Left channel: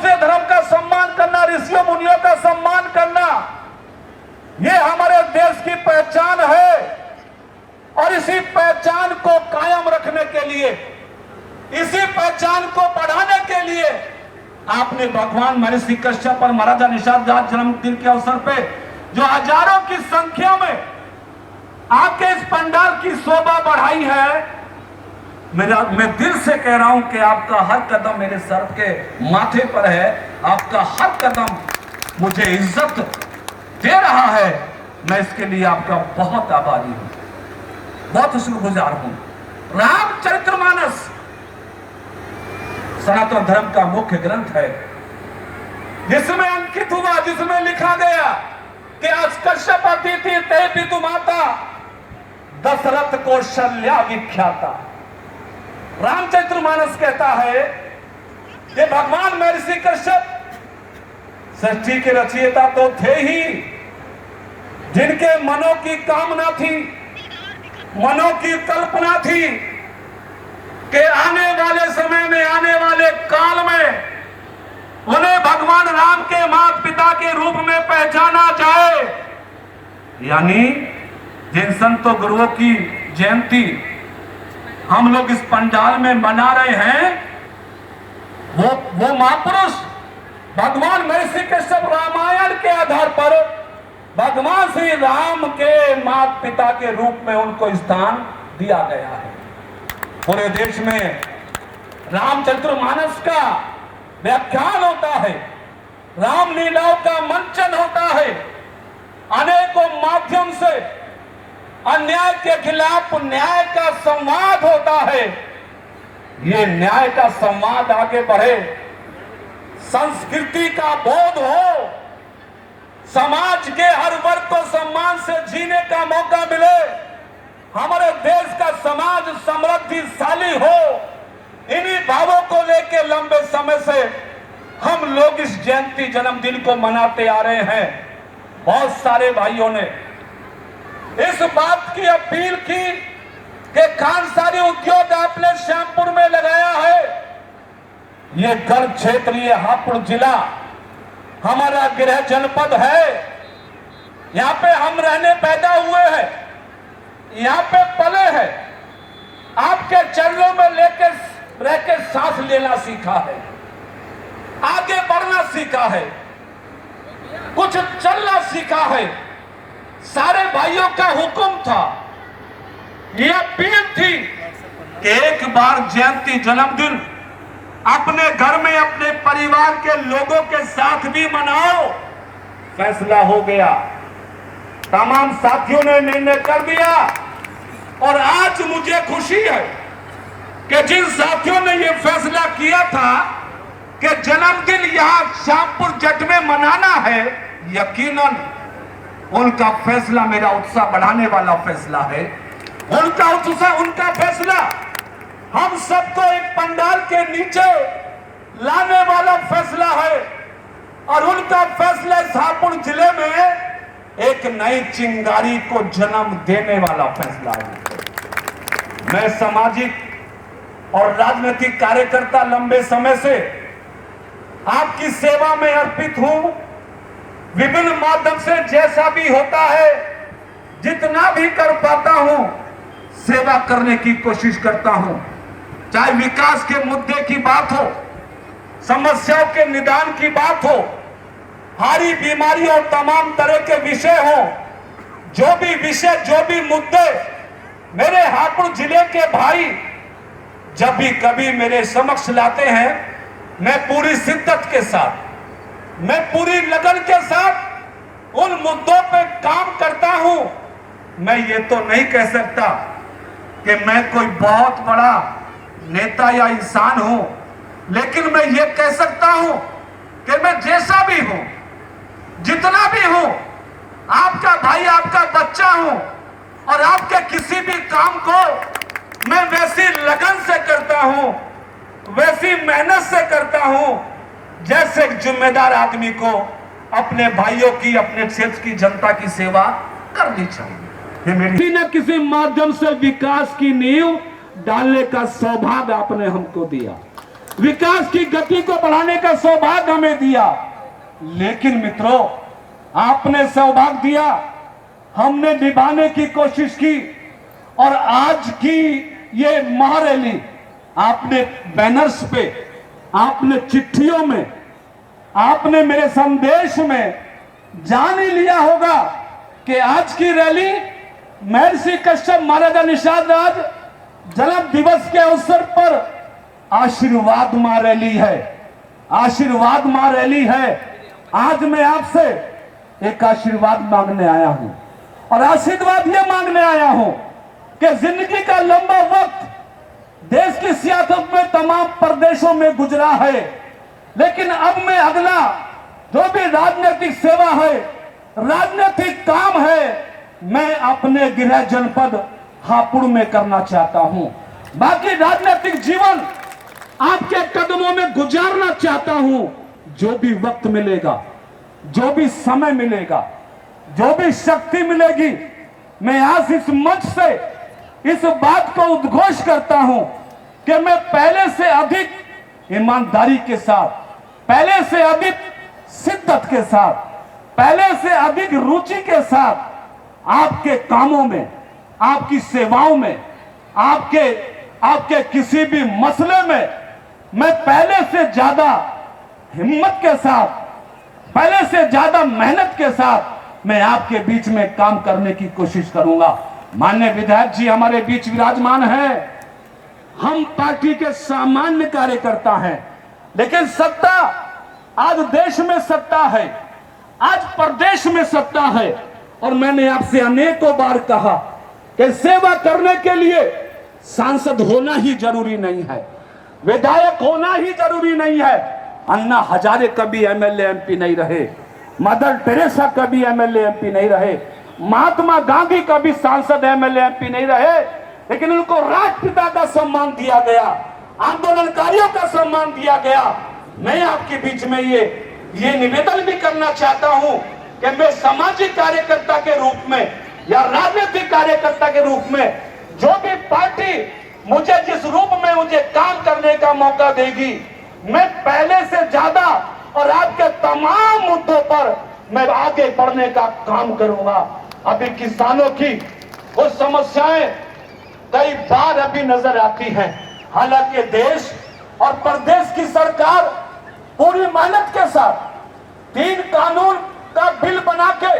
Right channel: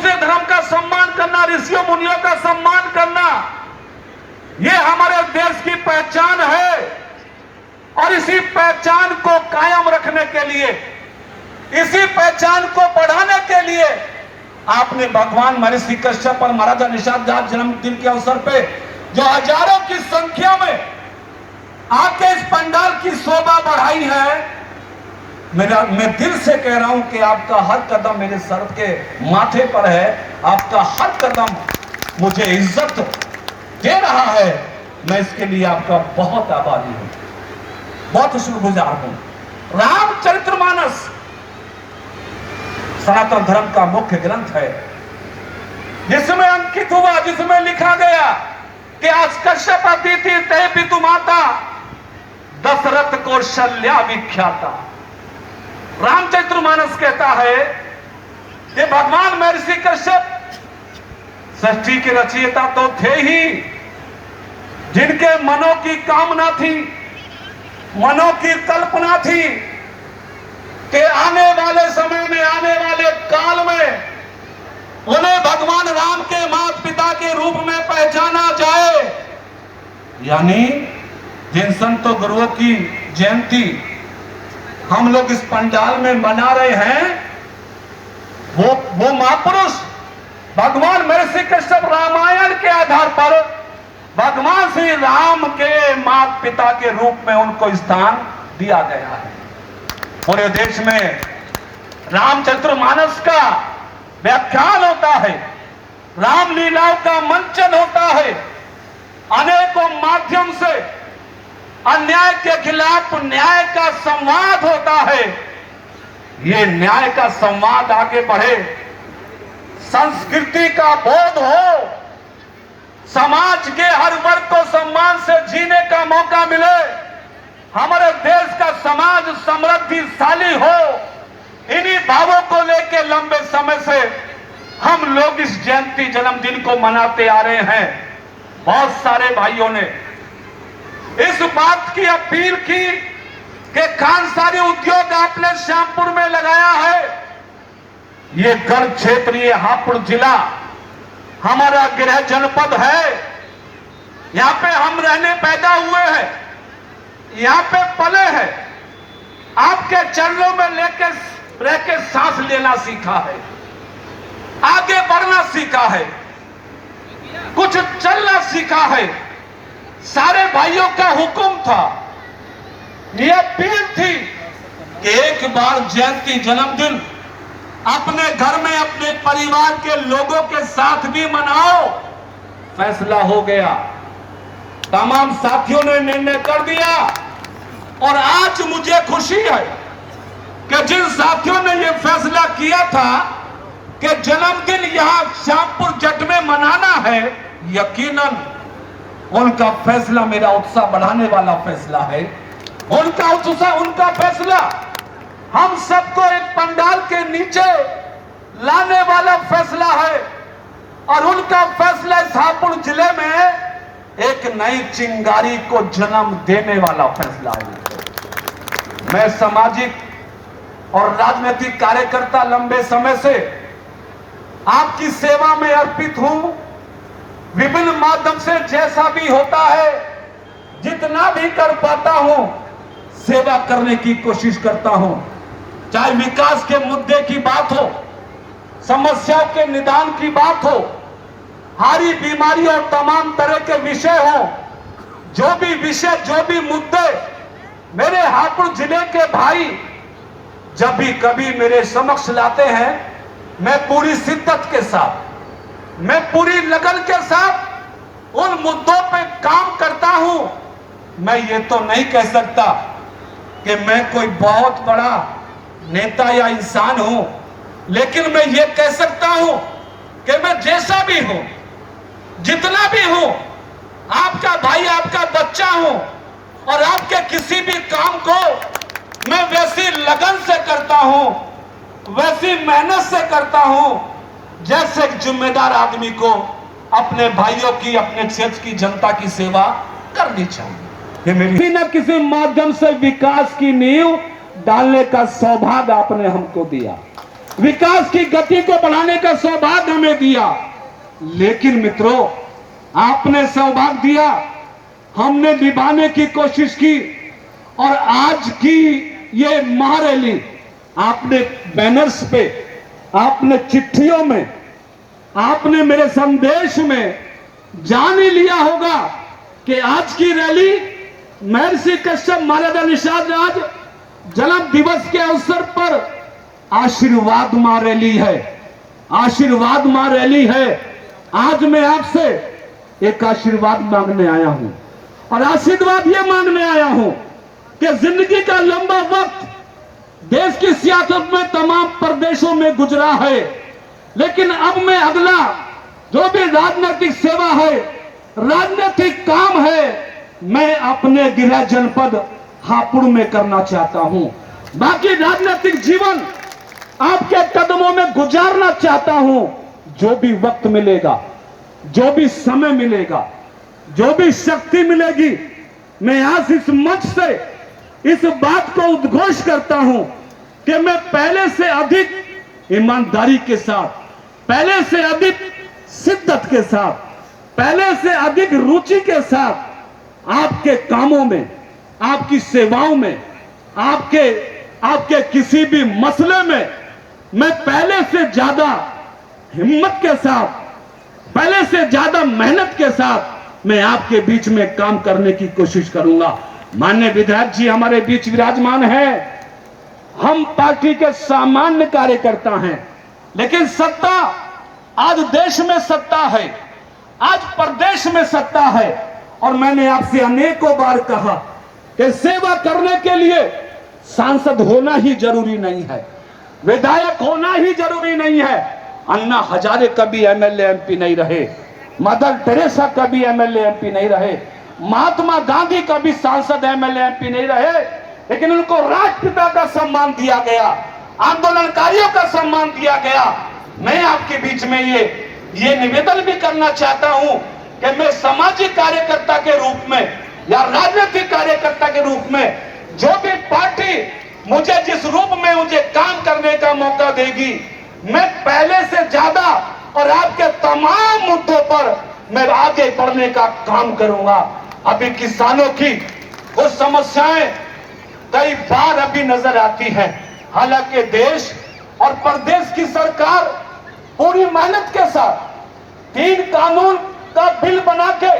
दूसरे धर्म का सम्मान करना, ऋषियों मुनियों का सम्मान करना, ये हमारे देश की पहचान है। और इसी पहचान को कायम रखने के लिए, इसी पहचान को बढ़ाने के लिए आपने भगवान महर्षि कश्यप और महाराजा निषाद जन्मदिन के अवसर पे जो हजारों की संख्या में आके इस पंडाल की शोभा बढ़ाई है। मैं दिल से कह रहा हूं कि आपका हर कदम मेरे सर के माथे पर है, आपका हर कदम मुझे इज्जत दे रहा है। मैं इसके लिए आपका बहुत आभारी हूं, बहुत शुक्रगुजार हूं। रामचरितमानस सनातन धर्म का मुख्य ग्रंथ है, जिसमें अंकित हुआ, जिसमें लिखा गया कि आज कश्यप अतिथि तय पितु माता दशरथ कौशल्या विख्याता। रामचरितमानस कहता है कि भगवान महर्षि कश्यप सृष्टि के रचयिता तो थे ही, जिनके मनों की कामना थी, मनों की कल्पना थी कि आने वाले समय में, आने वाले काल में उन्हें भगवान राम के माता पिता के रूप में पहचाना जाए। यानी जिन संतों गुरुओं की जयंती हम लोग इस पंडाल में मना रहे हैं, वो महापुरुष भगवान महर्षि कश्यप रामायण के आधार पर भगवान श्री राम के माता पिता के रूप में उनको स्थान दिया गया है। पूरे देश में रामचरितमानस का व्याख्यान होता है, रामलीलाओं का मंचन होता है, अनेकों माध्यम से अन्याय के खिलाफ न्याय का संवाद होता है। ये न्याय का संवाद आगे बढ़े, संस्कृति का बोध हो, समाज के हर वर्ग को सम्मान से जीने का मौका मिले, हमारे देश का समाज समृद्धिशाली हो। इन्हीं भावों को लेकर लंबे समय से हम लोग इस जयंती जन्मदिन को मनाते आ रहे हैं। बहुत सारे भाइयों ने इस बात की अपील की कि खानसारी उद्योग आपने श्यामपुर में लगाया है। ये गढ़ क्षेत्र, ये हापुड़ जिला हमारा गृह जनपद है। यहाँ पे हम रहने पैदा हुए हैं, यहाँ पे पले हैं, आपके चरणों में लेकर रह के सांस लेना सीखा है, आगे बढ़ना सीखा है, कुछ चलना सीखा है। सारे भाइयों का हुक्म था, यह अपील थी कि एक बार जयंती जन्मदिन अपने घर में अपने परिवार के लोगों के साथ भी मनाओ। फैसला हो गया, तमाम साथियों ने निर्णय कर दिया। और आज मुझे खुशी है कि जिन साथियों ने यह फैसला किया था कि जन्मदिन यहां श्यामपुर जट में मनाना है, यकीनन उनका फैसला मेरा उत्साह बढ़ाने वाला फैसला है। उनका उत्साह, उनका फैसला हम सबको एक पंडाल के नीचे लाने वाला फैसला है। और उनका फैसला इस हापुड़ जिले में एक नई चिंगारी को जन्म देने वाला फैसला है। मैं सामाजिक और राजनीतिक कार्यकर्ता लंबे समय से आपकी सेवा में अर्पित हूं। विभिन्न माध्यम से जैसा भी होता है, जितना भी कर पाता हूं, सेवा करने की कोशिश करता हूं। चाहे विकास के मुद्दे की बात हो, समस्याओं के निदान की बात हो, हारी बीमारियों और तमाम तरह के विषय हो, जो भी विषय, जो भी मुद्दे मेरे हापुड़ जिले के भाई जब भी कभी मेरे समक्ष लाते हैं, मैं पूरी शिद्दत के साथ, मैं पूरी लगन के साथ उन मुद्दों पे काम करता हूं। मैं ये तो नहीं कह सकता कि मैं कोई बहुत बड़ा नेता या इंसान हूं, लेकिन मैं ये कह सकता हूं कि मैं जैसा भी हूं, जितना भी हूं, आपका भाई, आपका बच्चा हूं। और आपके किसी भी काम को मैं वैसी लगन से करता हूं, वैसी मेहनत से करता हूं, जैसे एक जिम्मेदार आदमी को अपने भाइयों की, अपने क्षेत्र की जनता की सेवा करनी चाहिए। ये मेरी न किसी माध्यम से विकास की नींव डालने का सौभाग्य आपने हमको दिया, विकास की गति को बढ़ाने का सौभाग्य में दिया, लेकिन मित्रों आपने सहभाग दिया, हमने निभाने की कोशिश की। और आज की ये महारैली आपने बैनर्स पे, आपने चिट्ठियों में, आपने मेरे संदेश में जान ही लिया होगा कि आज की रैली महर्षि कश्यप महाराजा निषाद राज जन्म दिवस के अवसर पर आशीर्वाद मां रैली है, आशीर्वाद मां रैली है। आज मैं आपसे एक आशीर्वाद मांगने आया हूं, और आशीर्वाद ये मांगने आया हूं कि जिंदगी का लंबा वक्त देश की सियासत में तमाम प्रदेशों में गुजरा है, लेकिन अब मैं अगला जो भी राजनीतिक सेवा है, राजनीतिक काम है, मैं अपने गृह जनपद हापुड़ में करना चाहता हूं। बाकी राजनीतिक जीवन आपके कदमों में गुजारना चाहता हूं। जो भी वक्त मिलेगा, जो भी समय मिलेगा, जो भी शक्ति मिलेगी, मैं आज इस मंच से इस बात को उद्घोष करता हूं कि मैं पहले से अधिक ईमानदारी के साथ, पहले से अधिक शिद्दत के साथ, पहले से अधिक रुचि के साथ आपके कामों में, आपकी सेवाओं में, आपके किसी भी मसले में मैं पहले से ज्यादा हिम्मत के साथ, पहले से ज्यादा मेहनत के साथ मैं आपके बीच में काम करने की कोशिश करूंगा। माननीय विधायक जी हमारे बीच विराजमान हैं। हम पार्टी के सामान्य कार्यकर्ता हैं, लेकिन सत्ता आज देश में सत्ता है, आज प्रदेश में सत्ता है। और मैंने आपसे अनेकों बार कहा कि सेवा करने के लिए सांसद होना ही जरूरी नहीं है, विधायक होना ही जरूरी नहीं है। अन्ना हजारे कभी एमएलए एमपी नहीं रहे, मदर टेरेसा कभी एमएलए एमपी नहीं रहे, महात्मा गांधी कभी सांसद एमएलए एमपी नहीं रहे, लेकिन उनको राष्ट्रपिता का सम्मान दिया गया, आंदोलनकारियों का सम्मान दिया गया। मैं आपके बीच में ये निवेदन भी करना चाहता हूं कि मैं सामाजिक कार्यकर्ता के रूप में या राजनीतिक कार्यकर्ता के रूप में, जो भी पार्टी मुझे जिस रूप में मुझे काम करने का मौका देगी, मैं पहले से ज्यादा और आपके तमाम मुद्दों पर मैं आगे बढ़ने का काम करूंगा। अभी किसानों की वो समस्याएं कई बार अभी नजर आती हैं, हालांकि देश और प्रदेश की सरकार पूरी मेहनत के साथ 3 कानून का बिल बना के